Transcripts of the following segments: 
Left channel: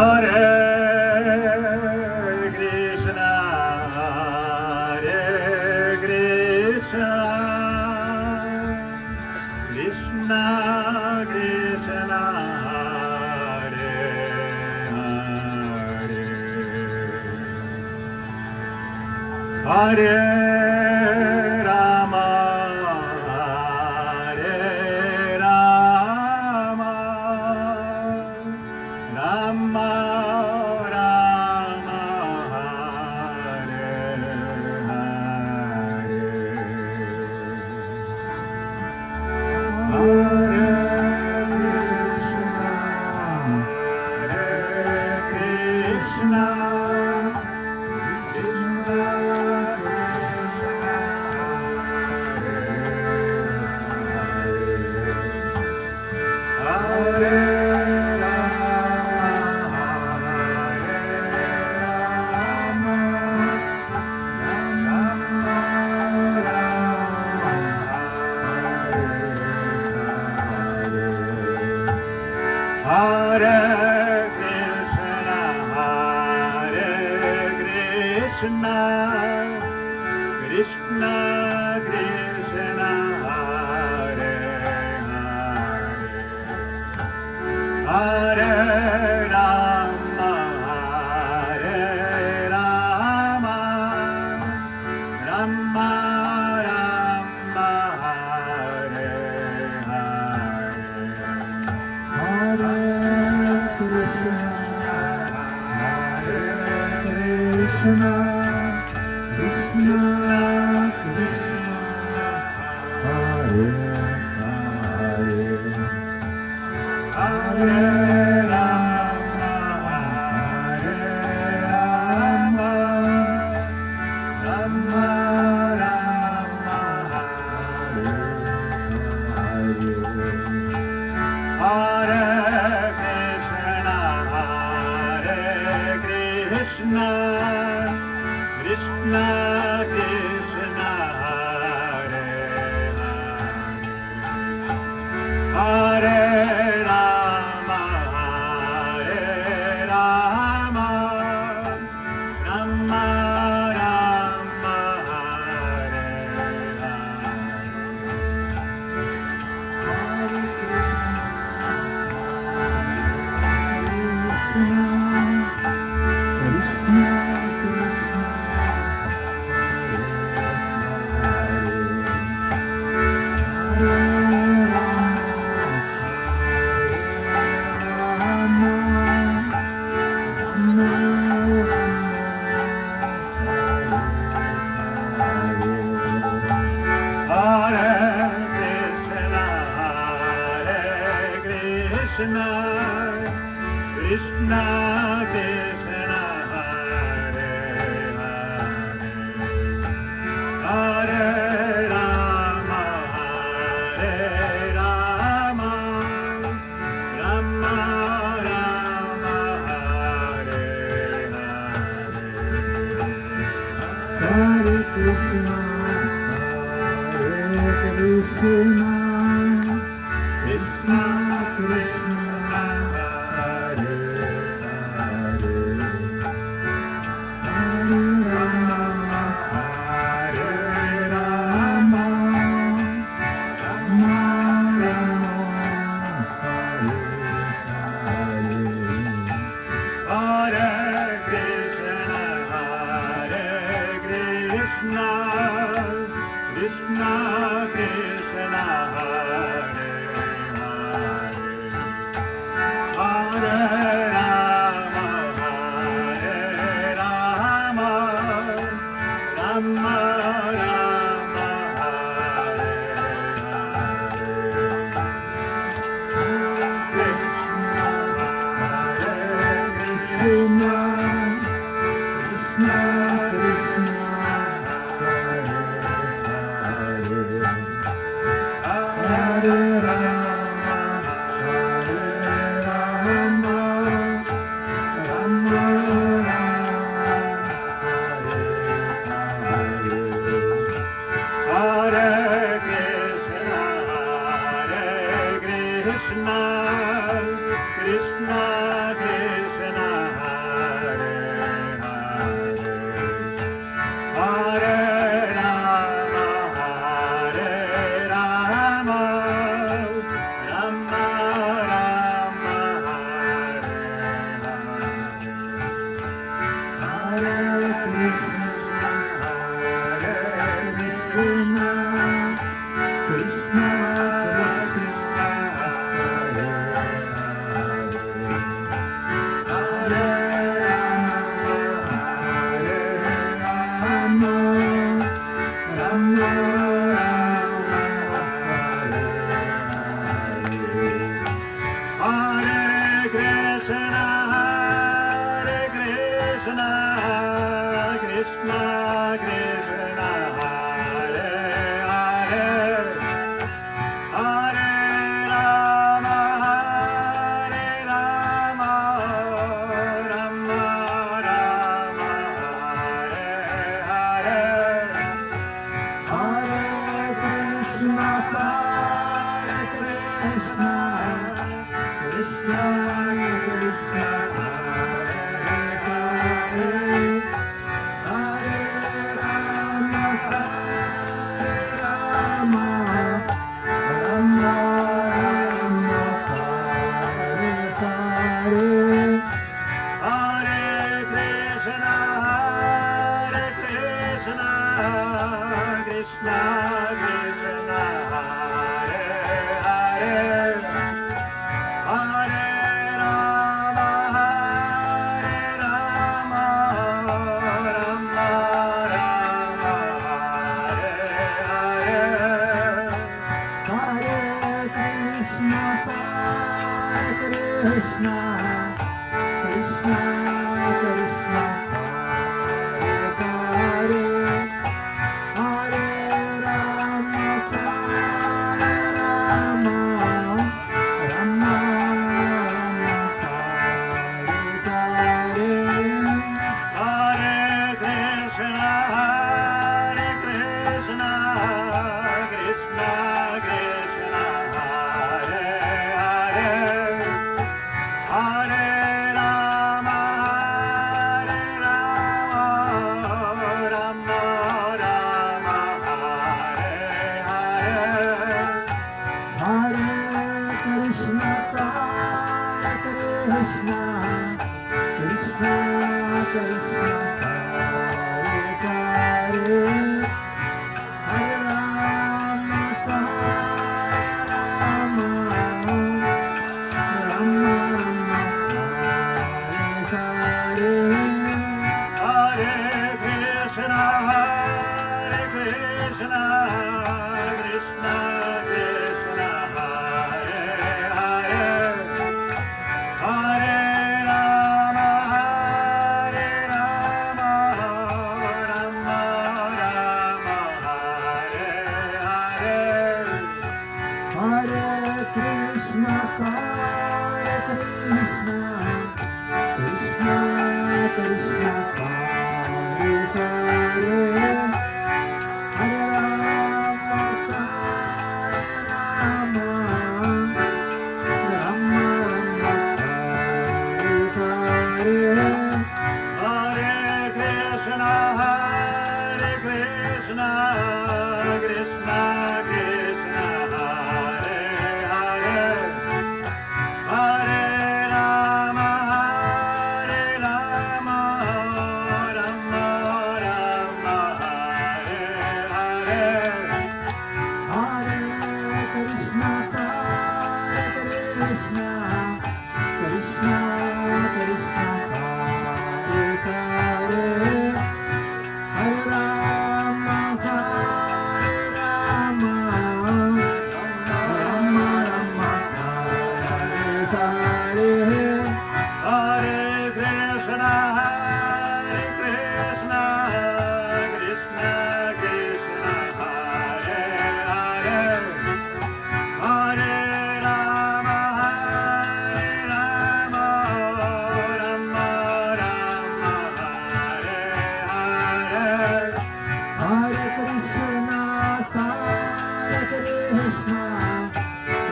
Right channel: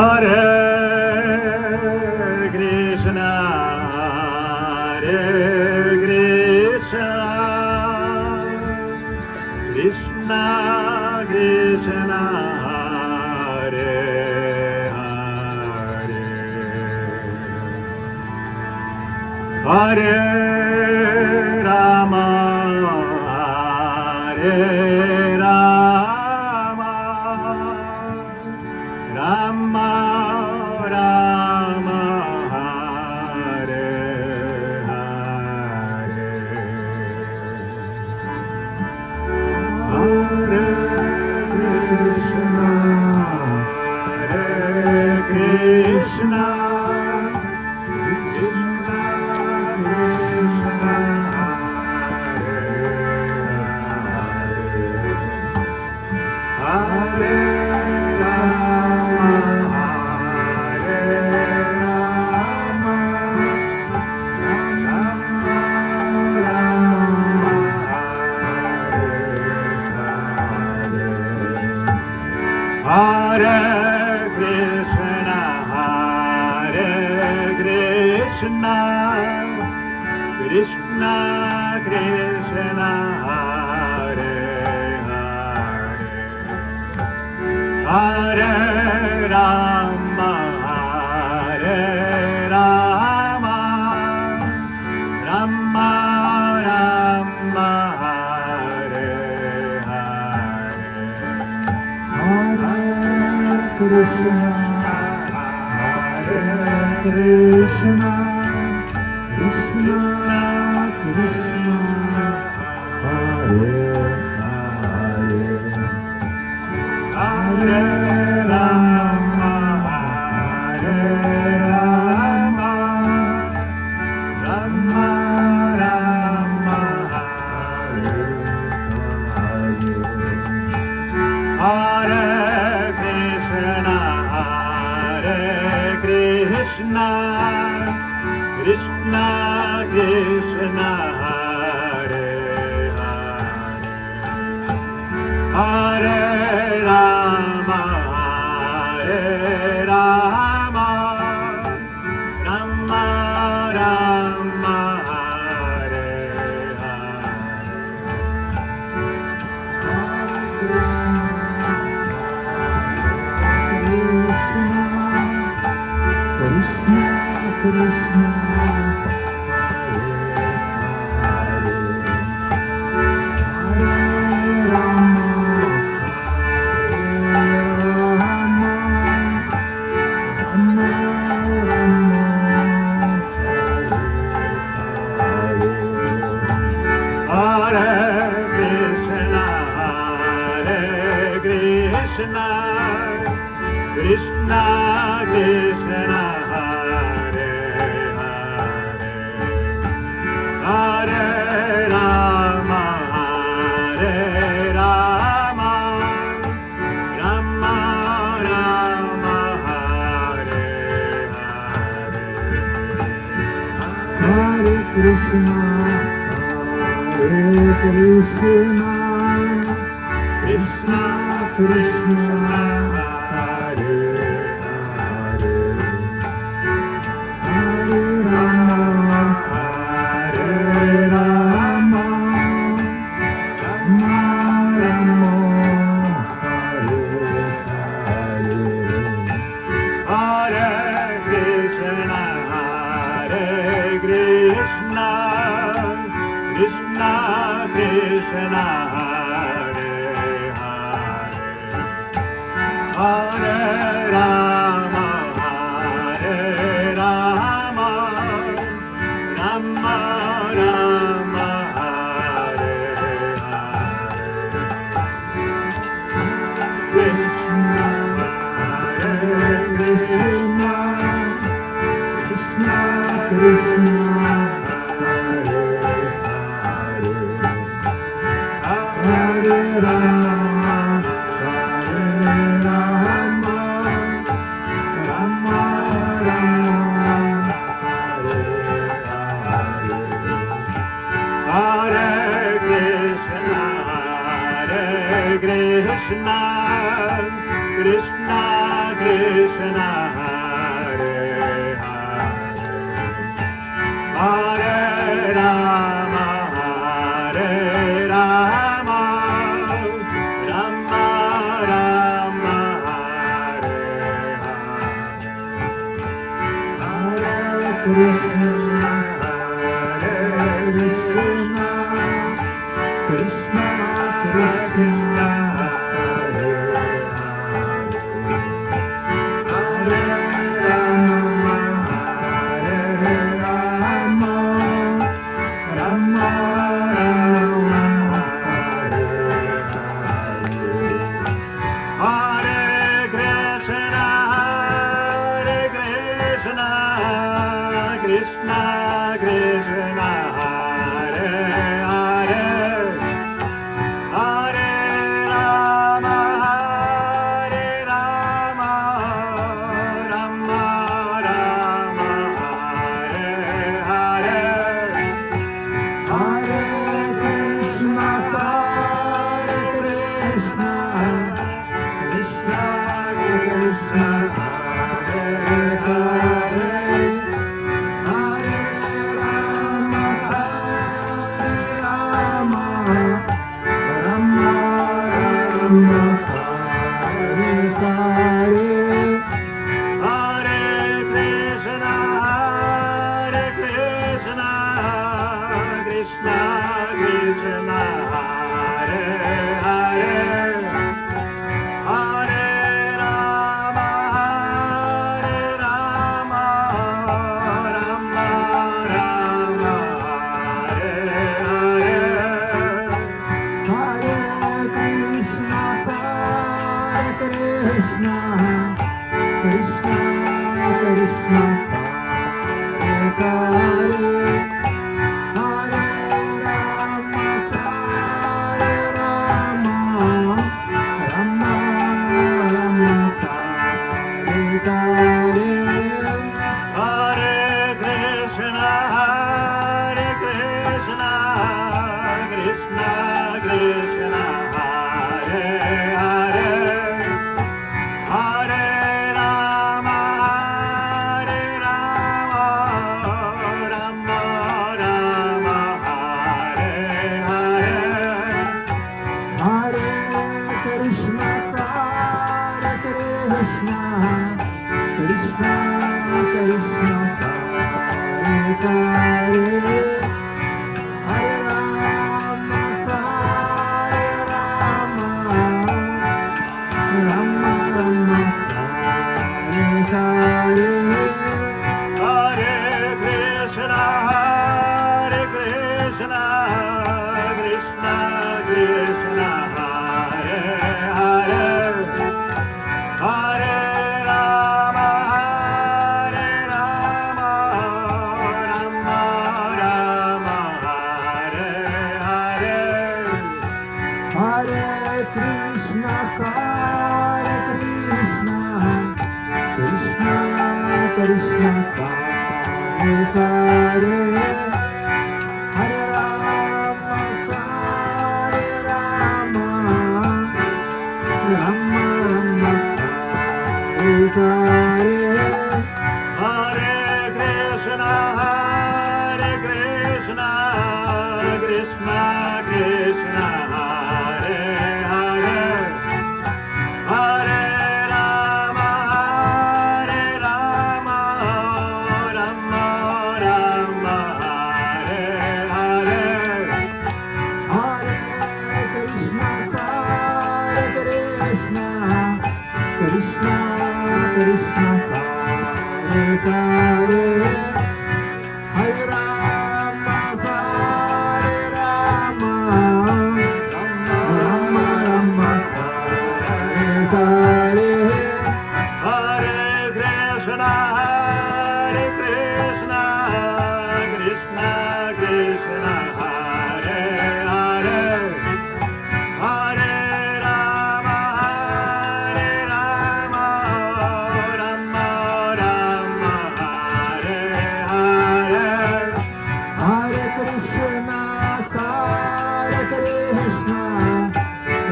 Hare Krishna, Hare Krishna, Krishna Krishna, Hare Hare, Hare Rama, Hare Rama, Rama Rama, Hare Hare, Hare Krishna, Hare Krishna, Krishna Krishna, Hare Rama, Hare Rama, Rama Rama, Hare Krishna, Hare Krishna, Krishna Krishna, Hare Hare, Hare Rama, Hare Rama, Rama Rama, Hare Hare, Hare Krishna, Hare Krishna, Krishna Krishna, Hare Hare, Hare Rama, Hare Rama, Rama Rama, Hare Hare, Hare Krishna, Hare Krishna, Krishna Krishna, Hare Hare, Hare Rama, Hare Rama, Rama Rama, Hare Hare, Krishna Krishna, Krishna Krishna, Krishna Krishna, Hare Rama, Hare Rama, Rama Rama, Hare Hare, Hare Krishna, Hare Krishna, Krishna Krishna, Krishna Krishna, Hare Rama, Hare Rama, Rama Rama, Hare Hare, Krishna Krishna, Krishna Krishna, Hare Rama, Hare Rama, Rama Rama, Hare Hare, Hare Krishna, Krishna Krishna Hare Hare Hare Rama Hare Rama Rama Rama Hare Hare Krishna Krishna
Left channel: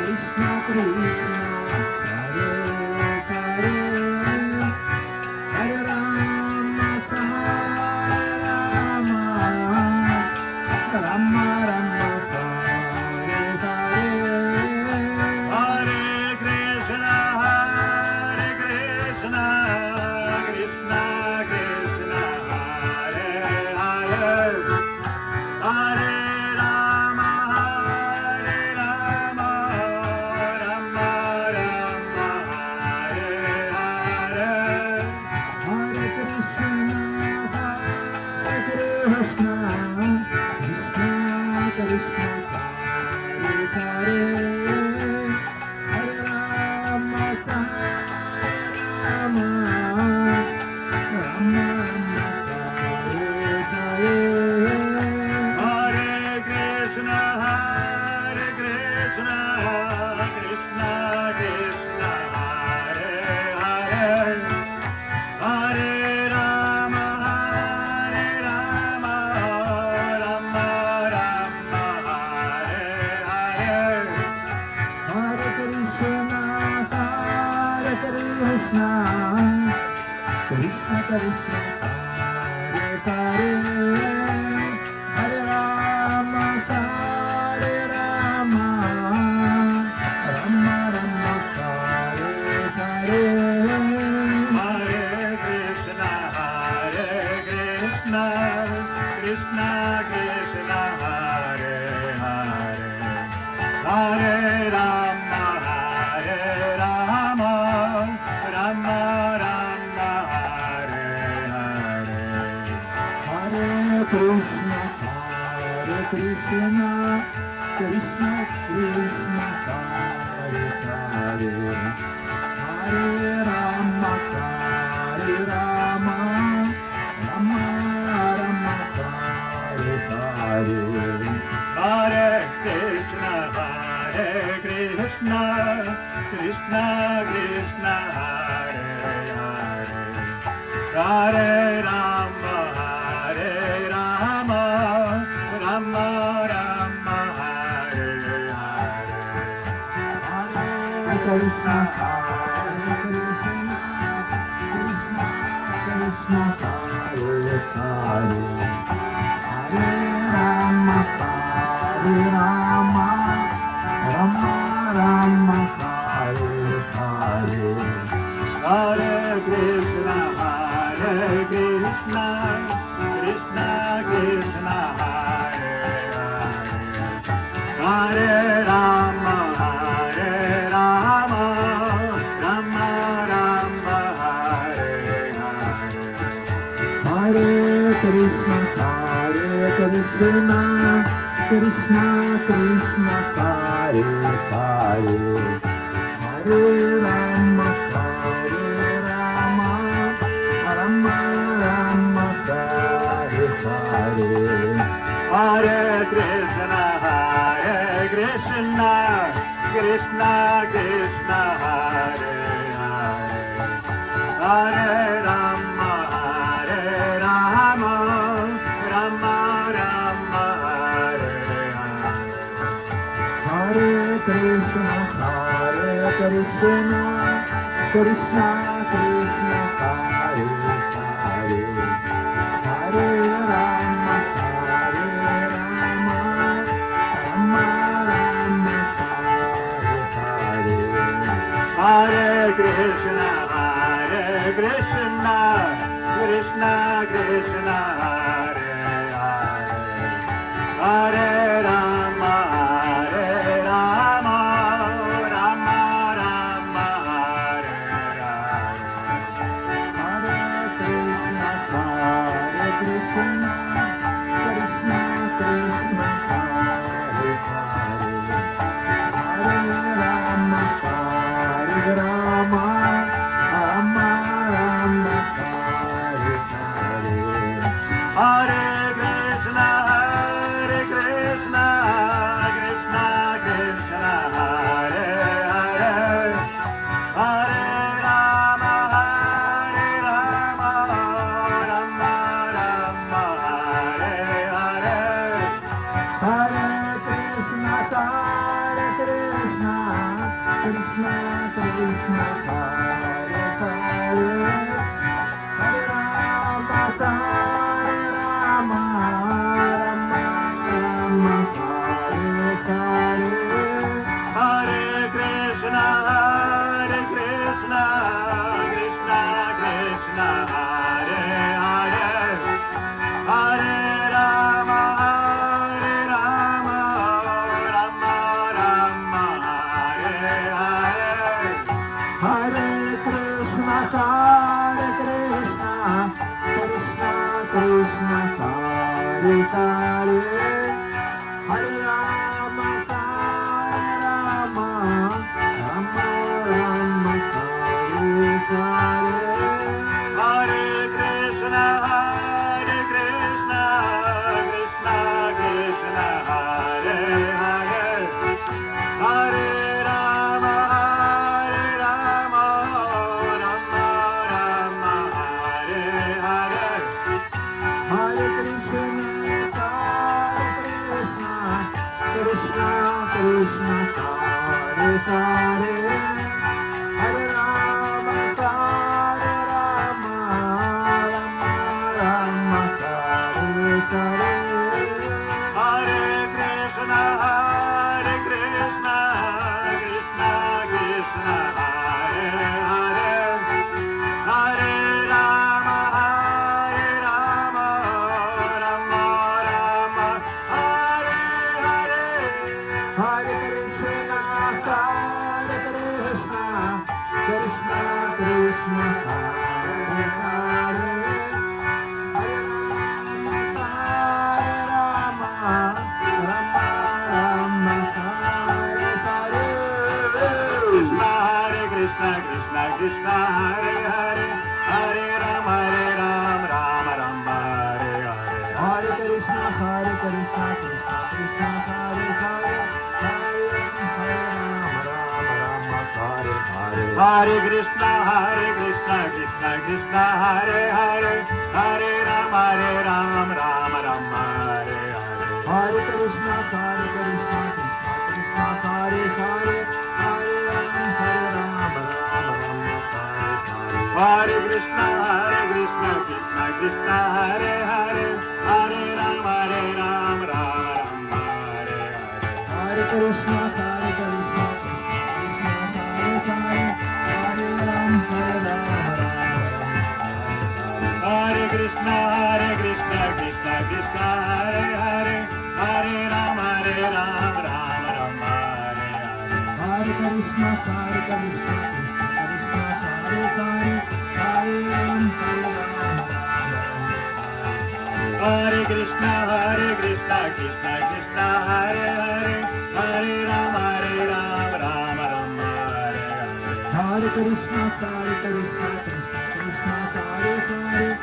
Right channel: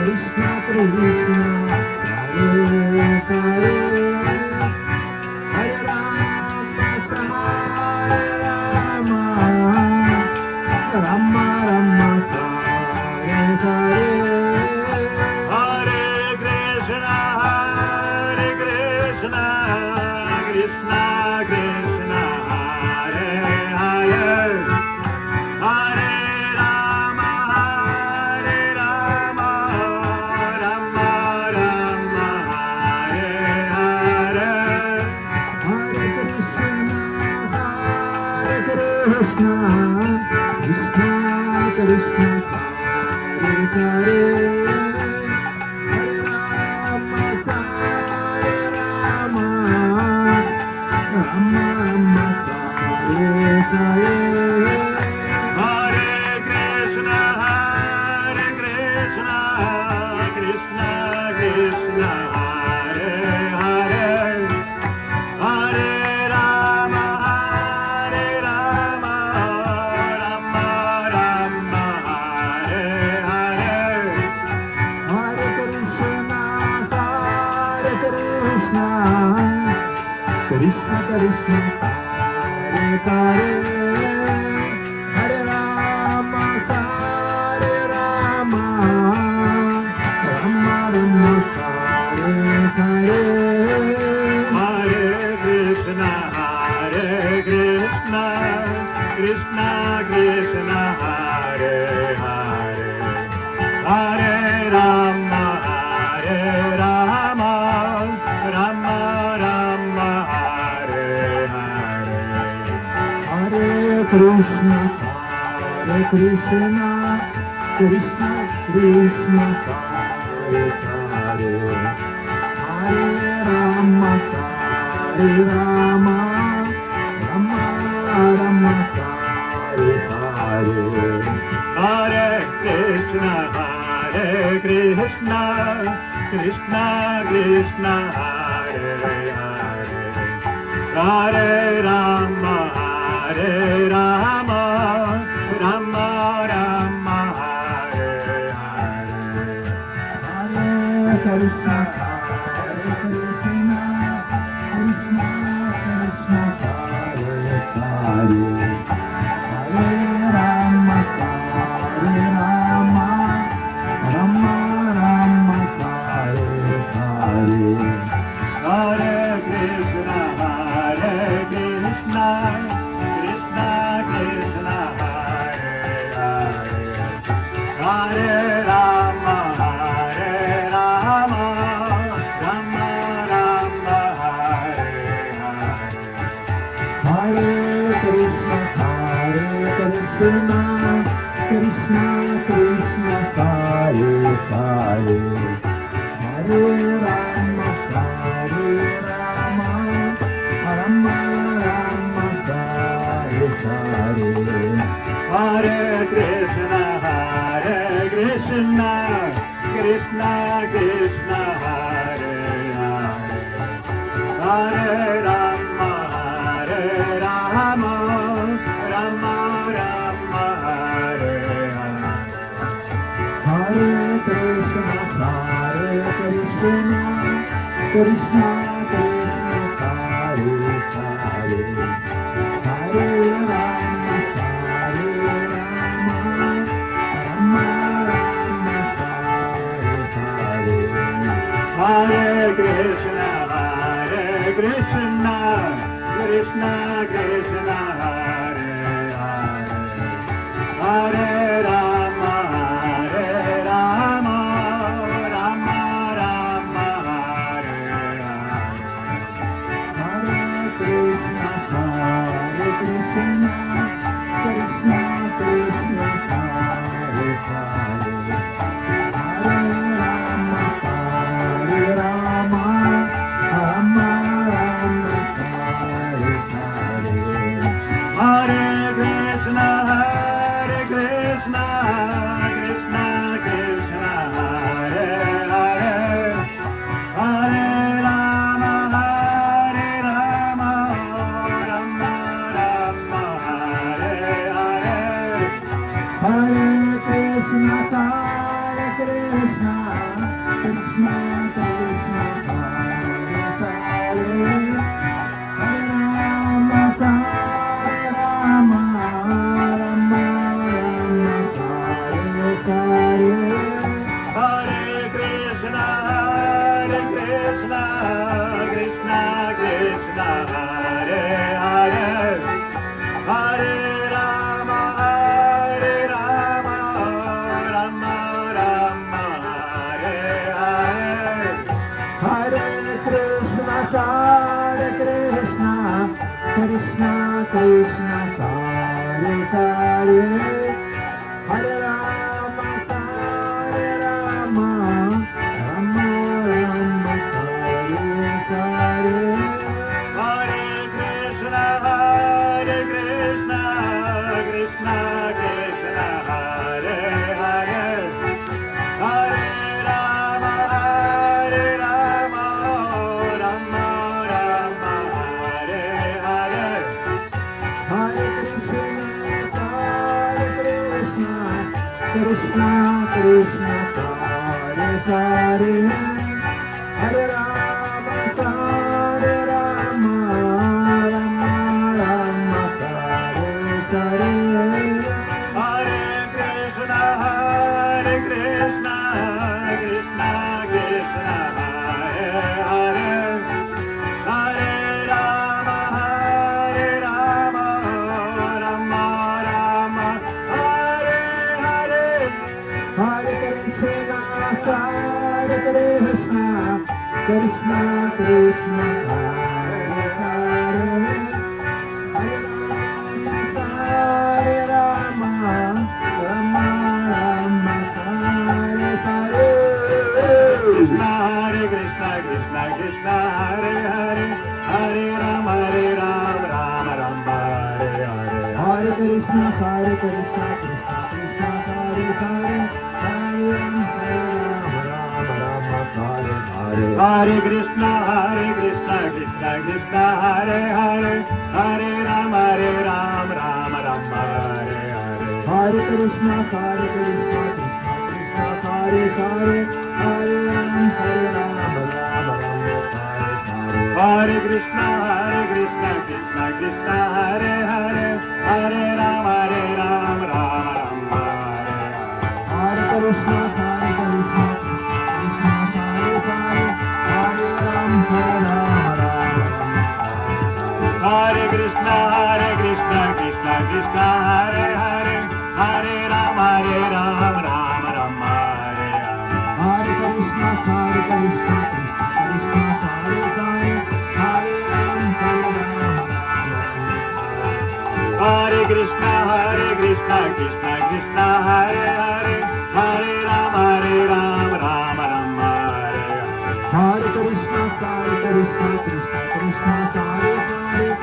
Krishna Krishna Rama, Hare Hare. Hare Krishna, Krishna Krishna, Hare Hare. Hare Rama, Rama Rama, Hare Hare. Hare Krishna, Krishna Krishna, Hare Hare. Hare Rama, Rama Rama, Hare Hare. Hare Krishna, Krishna Krishna, Hare Hare. Hare Rama, Rama Rama, Hare Hare. Hare Krishna, Krishna Krishna, Hare Hare. Hare Rama, Rama Rama, Hare Hare. Hare Krishna, Krishna Krishna, Hare Hare. Hare Rama, Rama Rama, Hare Hare. Hare Krishna, Krishna Krishna, Hare Hare. Hare Rama, Rama Rama, Hare Hare. Hare Krishna, Krishna Krishna, Hare Hare. Hare Rama, Rama Rama, Hare Hare. Hare Krishna, Krishna Krishna, Hare Hare. Hare Rama, Rama Rama, Hare Hare. Hare Krishna, Krishna Krishna, Hare Hare. Hare Rama, Rama Rama, Hare Hare. Hare Krishna, Krishna Krishna, Hare Hare. Hare Rama, Rama Rama, Hare Hare. Hare Krishna, Krishna Krishna, Hare Hare. Hare Rama, Rama Rama, Hare Hare. Hare Krishna, Krishna Krishna, Hare Hare. Hare Rama, Rama Rama, Hare Hare. Hare Krishna, Krishna Krishna, Hare Hare. Hare Rama, Rama Rama, Hare Hare. Hare Krishna, Krishna Krishna, Hare Hare. Hare Rama, Rama Rama, Hare Hare. Hare Krishna, Krishna Krishna Hare Hare Hare Rama Hare Rama Rama Rama Hare Hare Hare Krishna, Krishna Krishna, Hare Hare, Hare Rama, Rama Rama, Hare Hare. Hare Krishna Krishna Krishna Hare Hare Hare Rama Rama Rama Hare Hare Hare Krishna, Krishna Hare Hare, Hare Rama, Rama Rama, Hare Hare. Hare Krishna Krishna Krishna Hare Hare Hare Rama Rama Hare Hare Hare Krishna, Krishna Krishna, Hare Hare, Hare Rama, Rama Rama, Hare Hare. Hare Krishna Krishna Krishna Hare Hare Hare Rama Rama Rama Hare Hare Hare Krishna, Krishna Krishna, Hare Hare, Hare Rama, Rama Rama, Hare Hare. Hare Krishna Krishna Krishna Hare Hare Hare Rama Rama Rama Hare Krishna, Krishna Krishna, Hare Hare, Hare Rama, Rama Rama, Hare Hare. Hare Krishna Krishna Krishna Hare Hare Hare Rama Hare Krishna, Krishna Krishna, Hare Hare, Hare Rama, Rama Rama, Hare Hare. Hare Krishna Krishna Krishna Hare Hare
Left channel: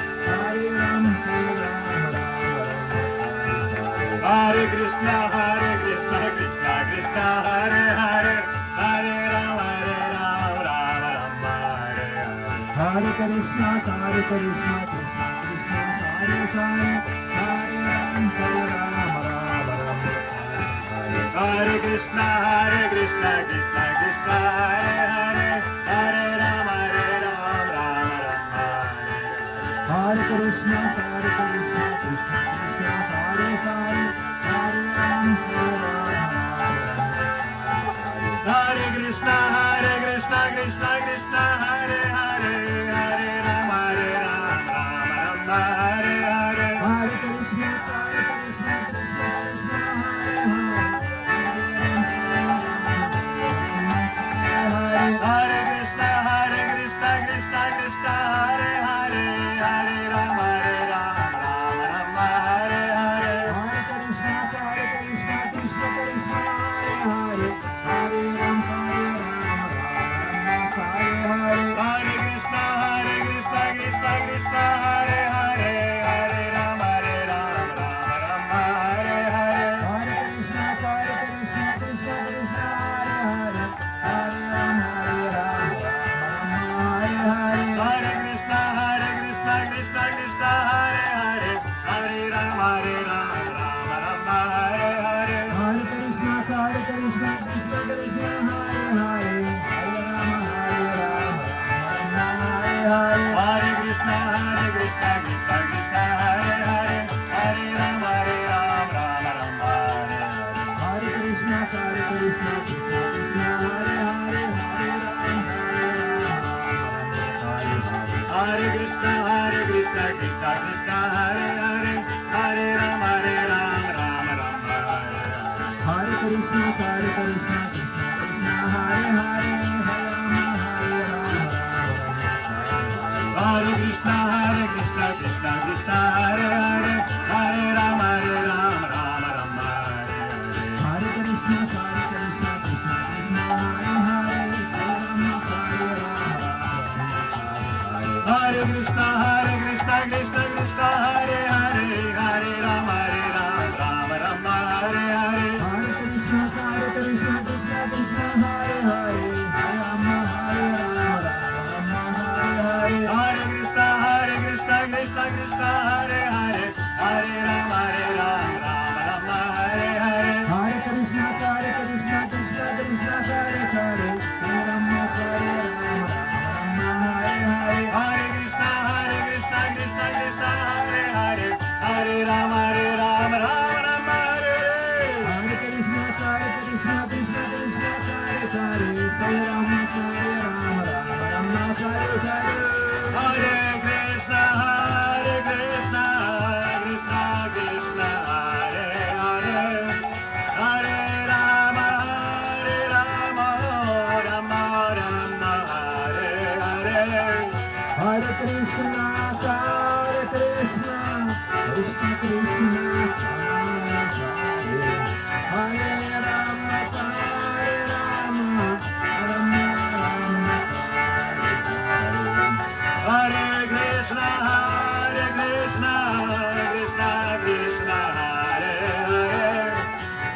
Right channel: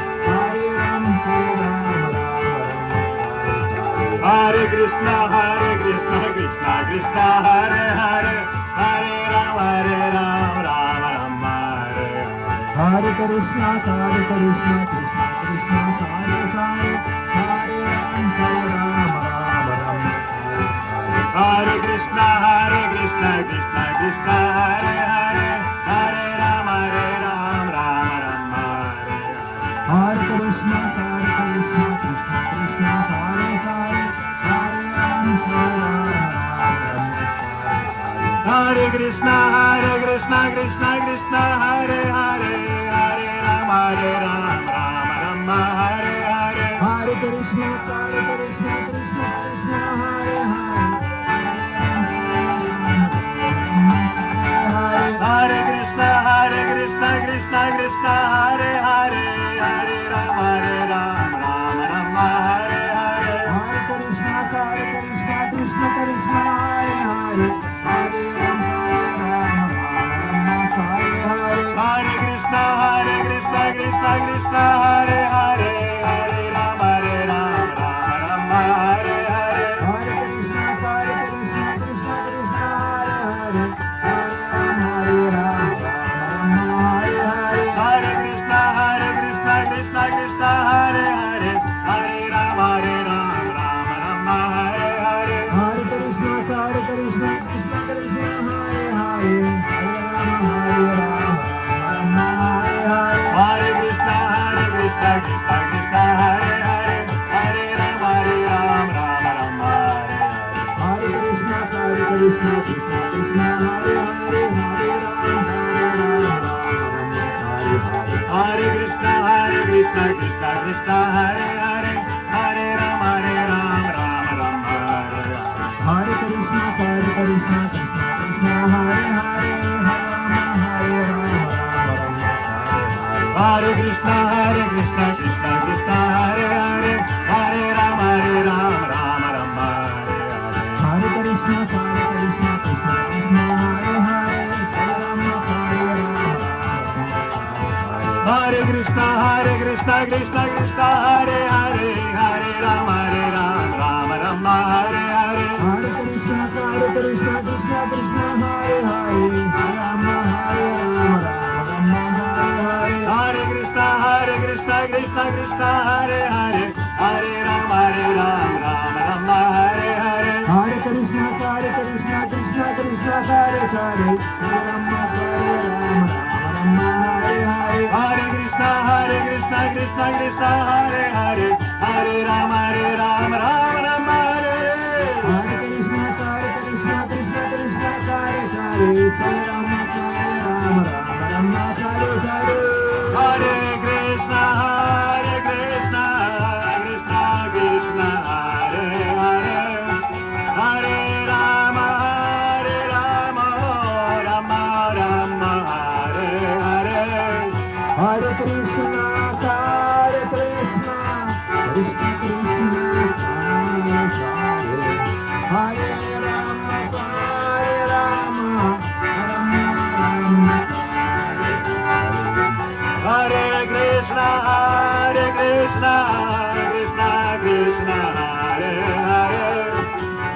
Hare Rama Hare Krishna, Krishna Krishna, Hare Hare, Hare Rama, Rama Rama, Hare Hare. Hare Krishna Krishna Krishna Hare Hare Hare Rama Hare Krishna, Krishna Krishna, Hare Hare, Hare Rama, Rama Rama, Hare Hare. Hare Krishna Krishna Krishna Hare Hare Hare Rama Hare Krishna, Krishna Krishna, Hare Hare, Hare Rama, Rama Rama, Hare Hare. Hare Krishna Krishna Krishna Hare Hare Hare Krishna, Krishna Krishna, Hare Hare, Hare Rama, Rama Rama, Hare Hare. Hare Krishna Krishna Krishna Hare Hare Hare Rama Hare Hare Hare Krishna, Krishna Krishna, Hare Hare, Hare Rama, Rama Rama, Hare Hare. Hare Krishna Krishna Krishna Hare Hare Hare Rama Hare Hare Hare Krishna, Krishna Krishna, Hare Hare, Hare Rama, Rama Rama, Hare Hare. Hare Krishna Krishna Krishna Hare Hare Hare Rama Hare Hare Hare Krishna, Krishna Krishna, Hare Hare, Hare Rama, Rama Rama, Hare Hare. Hare Krishna Krishna Krishna Hare Hare Hare Rama Hare Krishna, Krishna Krishna, Hare Hare, Hare Rama, Rama Rama, Hare Hare. Hare Krishna Krishna Krishna Hare Hare Hare Rama Hare Krishna, Krishna Krishna, Hare Hare, Hare Rama, Rama Rama, Hare Hare. Hare Krishna Krishna Krishna Hare Hare Hare Rama Hare Krishna, Krishna Krishna, Hare Hare, Hare Rama, Rama Rama, Hare Hare. Hare Krishna Krishna Krishna Hare Hare Hare Rama Hare Hare Krishna, Krishna Krishna, Hare Hare, Hare Rama, Rama Rama, Hare Hare. Hare Krishna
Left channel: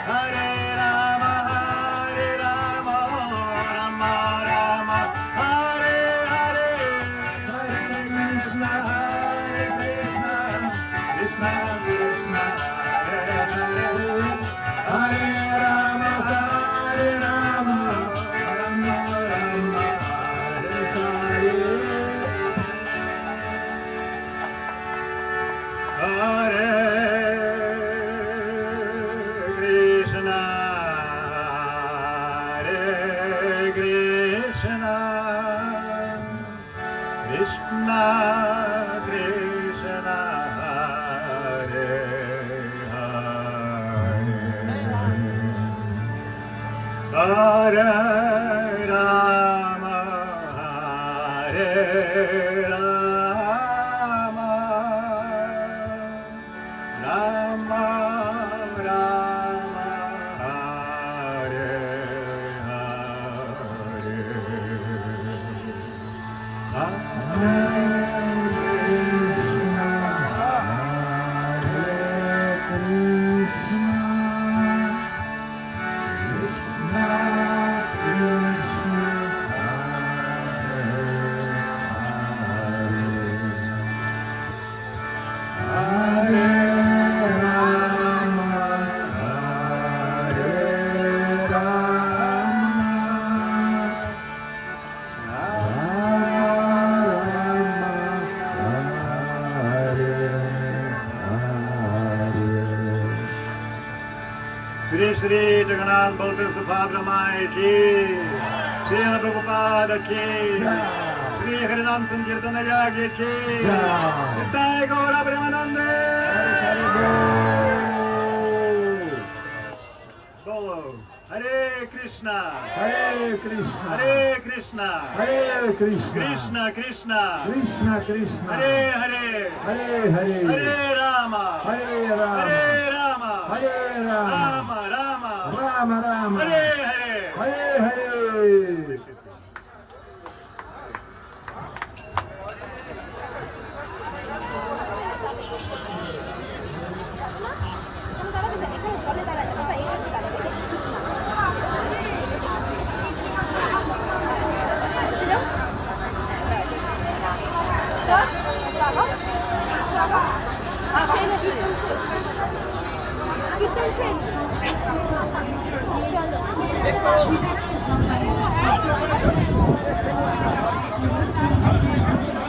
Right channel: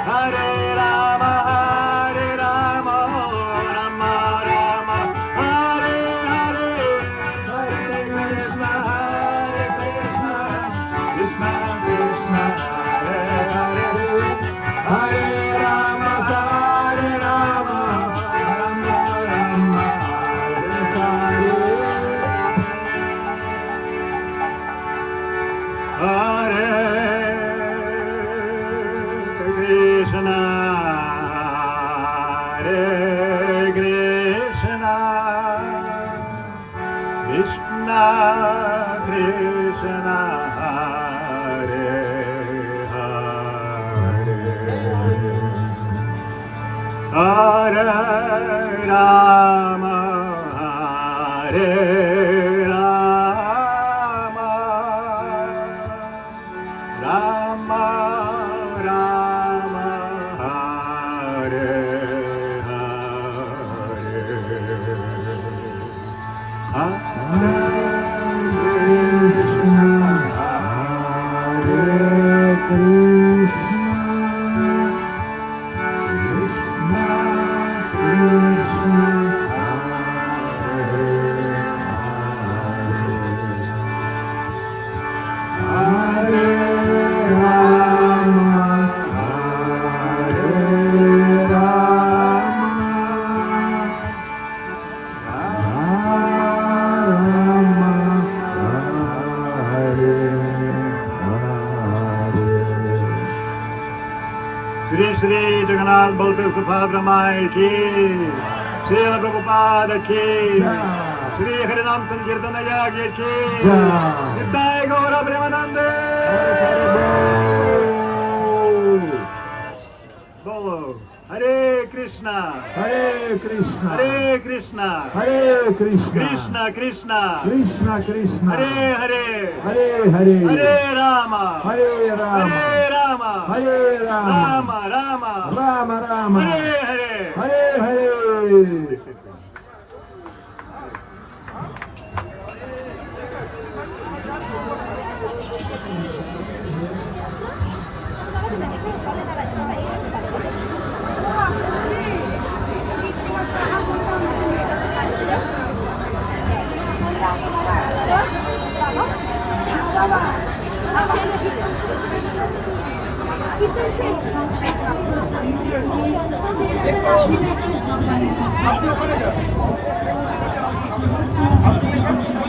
Hare Rama, Rama Rama, Hare Hare. Hare Krishna, Krishna Krishna, Hare Hare, Hare Rama, Rama Rama, Hare Hare. Hare Krishna, Hare Krishna, Krishna Krishna, Hare Hare, Hare Rama, Hare Rama, Rama Rama, Hare Hare. Shri Shri Jagannath Baladev Subhadra Mai Ki, Shri Prabhupada Ki, Shri Harinam Sankirtana Yagya Ki, Jai Gaura Premanande. Bolo Hare Krishna, Hare Krishna, Hare Krishna, Hare Krishna, Krishna Krishna, Krishna Krishna, Hare Hare, Hare Hare, Hare Rama, Hare Rama, Hare Rama, Hare Rama, Rama Rama, Rama Rama, Hare Hare. Hare Hare. Şey,